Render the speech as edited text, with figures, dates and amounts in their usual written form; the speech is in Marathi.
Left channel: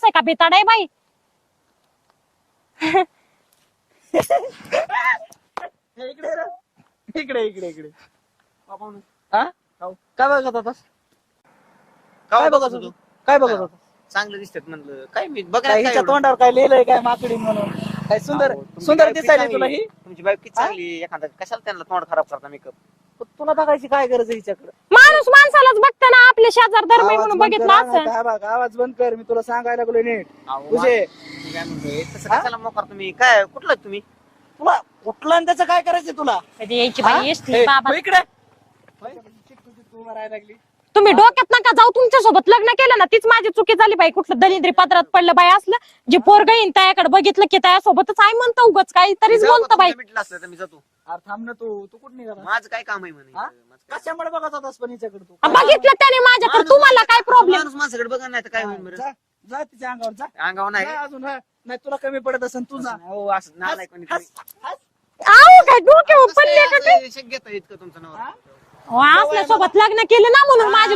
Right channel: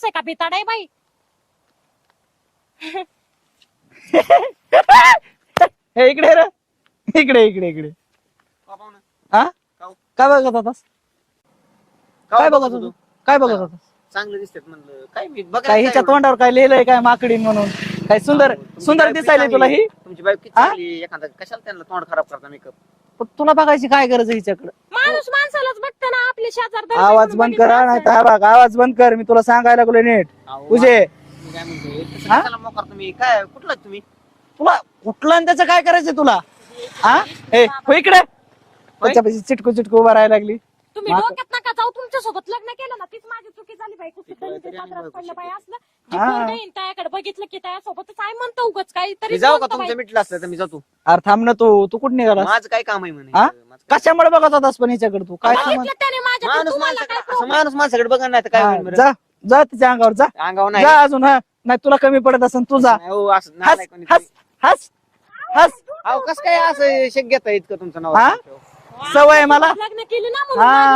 माणूस आहे का भिताड आहे बाई? हे इकडे रे, इकडे इकडे इकडे. हा काय बघत होतास? काय बघत होतो? काय बघत होतो? चांगलं दिसतात म्हणलं. काय मी बघा काय हिच्या तोंडावर काय लिहिलंय काय माकडी म्हणून? काय सुंदर सुंदर दिसायली तुला ही? तुमची बायको किती चांगली. एखादा कशाला त्यांना तोंड खराब करता मेकअप? पण तुला बघायची काय गरज आहे हिच्याकडे? माणूस माणसालाच बघते ना, आपले शेजार दर आवाज बंद कर हा, नाही तर बघ आवाज बंद कर. मी तुला सांगायला लागलो नीट. तुझे मी काय म्हणतोय तसं कशाला मोकार तुम्ही? काय कुठलं तुम्ही? तुला कुठला आणि त्याचं काय करायचं तुला? कधी यायची हा? बाई एसटी हे, बाबा. हो इकडे त्याच्यापाशी चिटकू चिटकू उभा राहायला लागली. तुम्ही डोक्यात नका जाऊ, तुमच्या सोबत लग्न केलं ना तीच माझी चुकी झाली बाई. कुठलं दलिंद्री पदरात पडलं बाई असलं जे हा. पोरग येईन त्याकडे बघितलं की त्या सोबतच आहे म्हणतो उगच काही मी तरीच जाऊ का म्हणतो बाई. तुमचं मिटलं असतं तर मी जातो. अरे थांब ना तू कुठं निघाला? माझं काय काम आहे म्हणे? हा? कशामुळे बघत होतास पण हिच्याकडे तू? काय बघितलं त्याने माझ्याकडे, तुम्हाला काय प्रॉब्लेम? माणूस माणसाकडे बघा नाही तर काय हा, होईल बरं? जा जा तिच्या अंगावर जा अंगावर नाही. जा अजून. हा नाही तुला कमी पडत असेल तू जा. नाही, हो, असं हस नाही कोणी. हस हस. आऊ, काय डोक्यावर अहो, कसं काय पडले का? असं शक घेता इतकं तुमचं नाव? हा? अहो, सवय आपल्यासोबत मला. लग्न केलं ना म्हणून हा. माझी